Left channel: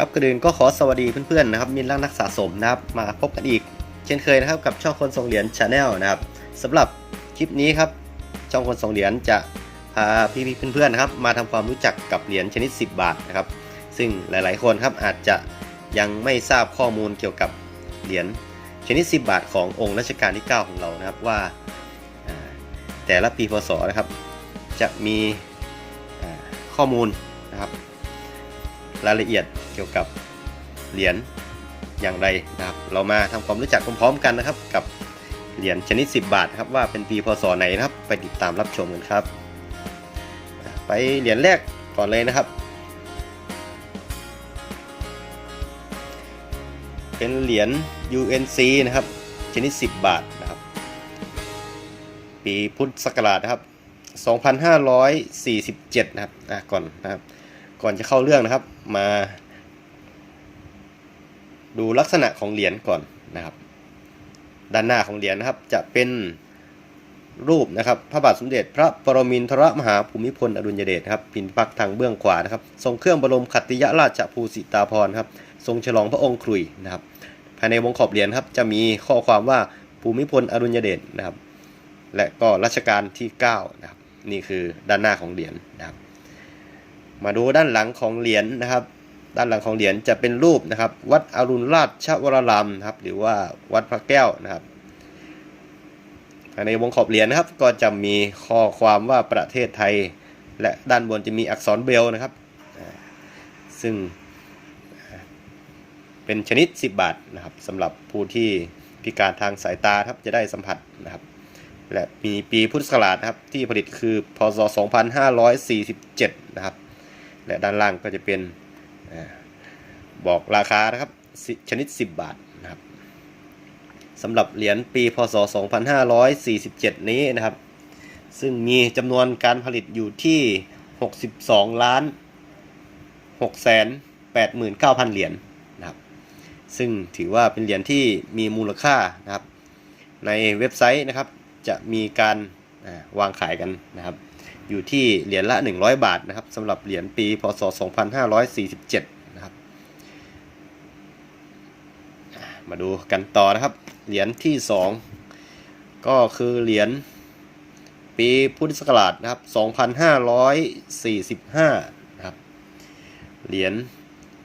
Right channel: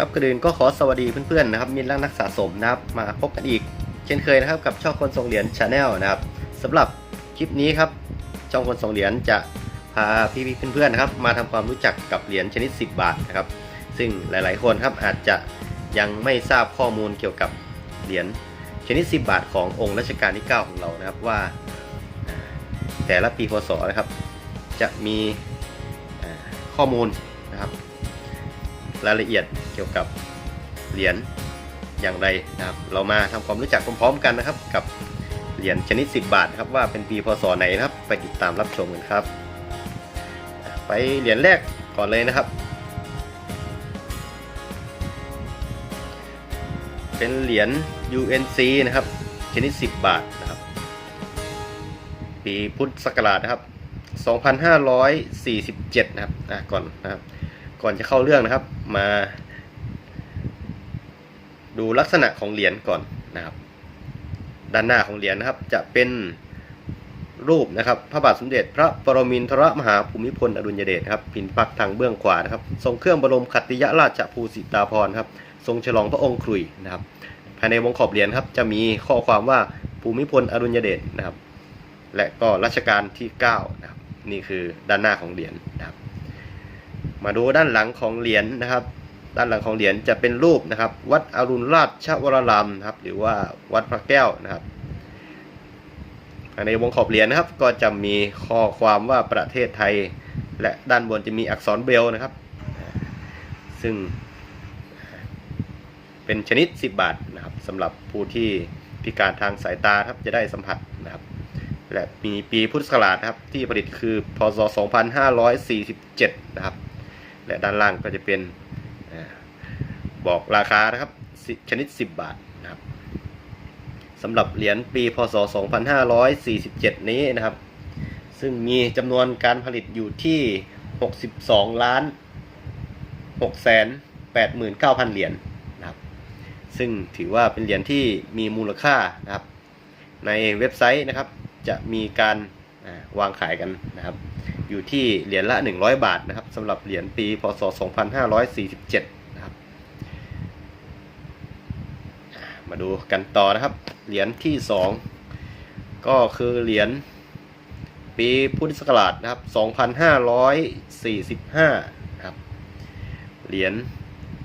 ครับกระดืนก็ขอสวัสดีเพื่อนๆนะครับมิตรรักนักสะสมนะครับมาพบกันอีก เช่นเคยนะครับกับช่องคนส่งเหรียญชาแนลนะครับสำหรับคลิปนี้ครับช่องคนส่งเหรียญจะพาพี่ๆเพื่อนๆนะครับมาทำความรู้จักกับเหรียญชนิด 10 บาทนะครับ ซึ่งหลายๆคนครับอาจจะยังไม่ทราบข้อมูลเกี่ยวกับเหรียญชนิด 10 บาทขององค์รัชกาลที่ 9 ของเรานะครับว่าแต่ละปีพศนะครับ จะมีข้อมูลนะครับรายละเอียด เกี่ยวกับเหรียญอย่างไรนะครับ เรามาทำความรู้จักพร้อมๆกันนะครับ กับเหรียญชนิด 10 บาทครับว่าเป็นปีพศไหนนะครับ ไปติดตามรับชมกันครับ ไปเหรียญแรกก่อนเลยนะครับ เป็นเหรียญ UNC นะครับ ชนิด 10 บาทนะครับ ปีพุทธศักราชนะครับ2547 นะครับอะก่อนนะครับ ก่อนจะเข้าเรื่องนะครับ มา ดูลักษณะของเหรียญก่อนนะครับ ด้านหน้าของเหรียญนะครับจะเป็นรูปนะครับพระบาทสมเด็จพระปรมินทรมหาภูมิพลอดุลยเดชครับพินปักทางเบื้องขวานะครับ ทรงเครื่องบรมขัตติยราชภูสิตาภรณ์ครับ ทรงฉลองพระองค์ครุยนะครับ ภายในวงขอบเหรียญครับจะมีข้อความว่าภูมิพลอดุลยเดชนะครับ และก็รัชกาลที่9นะครับนี่คือด้านหน้าของเหรียญนะครับ มาดูด้านหลังของเหรียญนะครับ ด้านหลังของเหรียญจะเป็นรูปนะครับ วัดอรุณราชวรารามครับ หรือว่าวัดพระแก้วนะครับในวงขอบเหรียญนะครับ ก็จะมีข้อความว่าประเทศไทย และด้านบนจะมีอักษรเบลนะครับ ซึ่งเป็นชนิด 10 บาทนะครับสำหรับผู้ที่พิการทางสายตาครับจะได้สัมผัสนะครับ และมีปีพุทธศักราชครับที่ผลิตคือพศ 2547 นะครับ และด้านล่างก็จะเป็น บอกราคานะครับชนิด 10 บาทนะครับสำหรับเหรียญปีพศ 2547 นี้นะครับ ซึ่งมีจำนวนการผลิตอยู่ที่ 62 ล้าน6แสน89,000 เหรียญนะครับ ซึ่งถือว่าเป็นเหรียญที่มีมูลค่านะครับ ในเว็บไซต์นะครับจะมีการ วางขายกันนะครับ อยู่ที่เหรียญละ 100 บาทนะครับสำหรับเหรียญปีพศ 2547 นะครับ มาดูกันต่อนะครับ เหรียญที่ 2 ก็คือเหรียญปีพุทธศักราชนะครับ 2545 นะครับ เหรียญ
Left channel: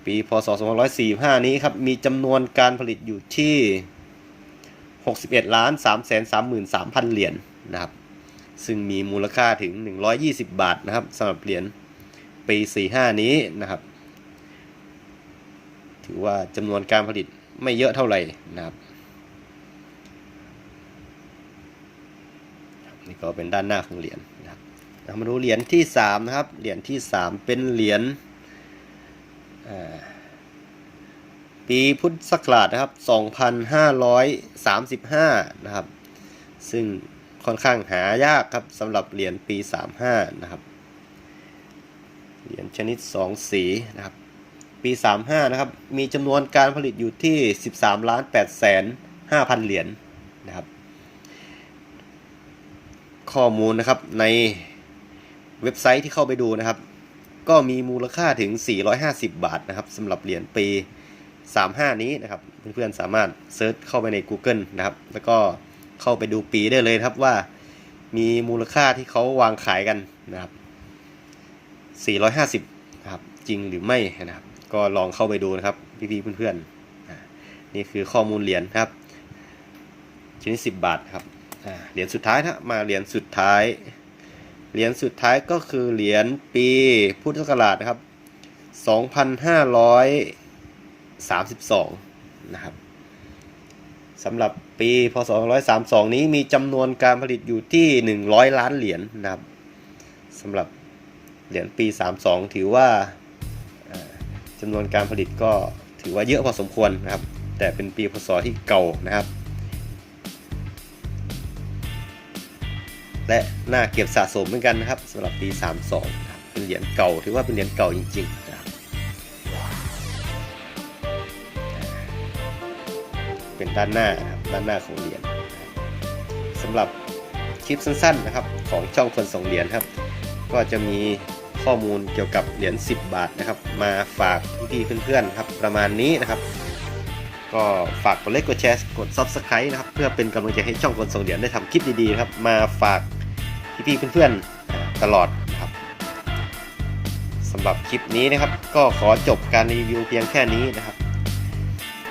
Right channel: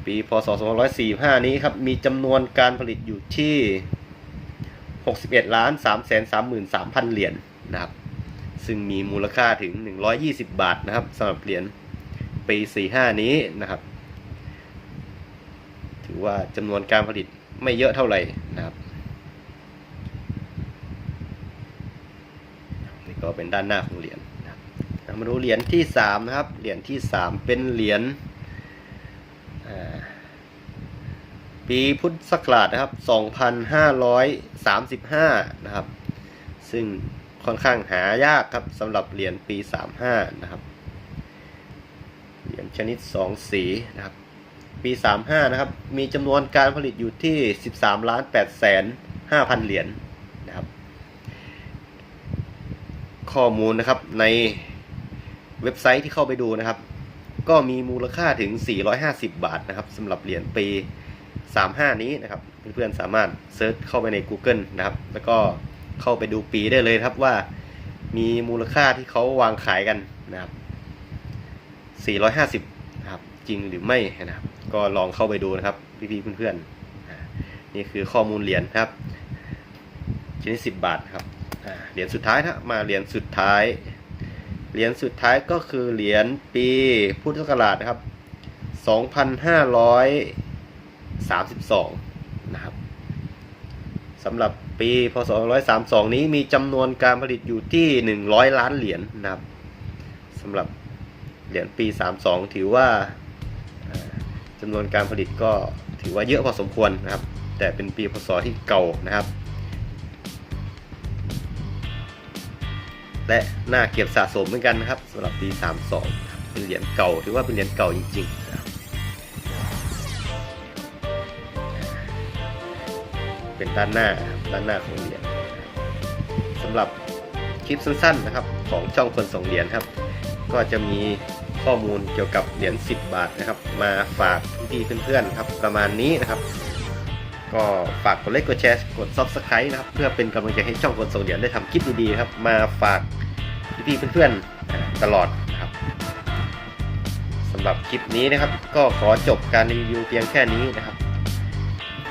ปีพศ 2545 นี้ครับ มีจำนวนการผลิตอยู่ที่ 61ล้าน3 3 3 3 0 0 เหรียญนะครับ ซึ่งมีมูลค่าถึง 120 บาทนะครับสำหรับเหรียญปี 45 นี้นะครับ ถือว่าจำนวนการผลิตไม่เยอะเท่าไหร่นะครับนี่ก็เป็นด้านหน้าของเหรียญนะครับเรามาดูเหรียญที่ 3 นะครับ เหรียญที่ 3 เป็นเหรียญปีพุทธศักราชนะครับ 2535 นะครับ ซึ่ง ค่อนข้างหายากครับสำหรับเหรียญปี 35 นะครับ เหรียญชนิด 2 สีนะครับ ปี 35 นะครับ มีจำนวนการผลิตอยู่ที่ 13ล้าน8แสน5,000 เหรียญนะครับ ข้อมูลนะครับในเว็บไซต์ที่เข้าไปดูนะครับ ก็มีมูลค่าถึง 450 บาทนะครับสำหรับเหรียญปี 35 นี้นะครับ เพื่อนๆสามารถเซิร์ชเข้าไปใน Google นะครับ แล้วก็ เข้าไปดูปีได้เลยครับว่ามีมูลค่าที่เขาวางขายกันนะครับ 450นะครับจริงหรือไม่นะครับ ก็ลองเข้าไปดูนะครับพี่ๆเพื่อนๆนี่คือข้อมูลเหรียญครับชนิด10บาทครับเหรียญสุดท้ายนะมาเหรียญสุดท้ายเหรียญสุดท้ายก็คือเหรียญปีพุทธศักราชนะครับ 2532 นะครับสำหรับ ปีพศ232 นี้มีจำนวนการผลิตอยู่ที่ 100 ล้านเหรียญนะครับสำหรับเหรียญปี 32 ถือว่าจำนวนการผลิตก็ถือว่าเยอะพอสมควรนะครับ แต่เป็นปีพศที่เก่านะครับ และน่าเก็บสะสมเหมือนกันนะครับสำหรับปี 32 เป็นเหรียญเก่าถือว่าเป็นเหรียญเก่าจริงๆ เป็นด้านหน้านะครับด้านหน้าของเหรียญสำหรับคลิปสั้นๆนะครับของช่องคนส่งเหรียญครับ ก็จะมีข้อมูลเกี่ยวกับเหรียญ10 บาทนะครับ มาฝากพี่เพื่อนๆครับประมาณนี้นะครับ ก็ฝากกดไลค์กดแชร์กด Subscribe นะครับ เพื่อเป็นกำลังใจให้ช่องคนส่งเหรียญได้ทำคลิปดีๆครับ มาฝากพี่ๆเพื่อนๆตลอดนะครับสำหรับคลิปนี้นะครับ ก็ขอจบการรีวิวเพียงแค่นี้นะครับ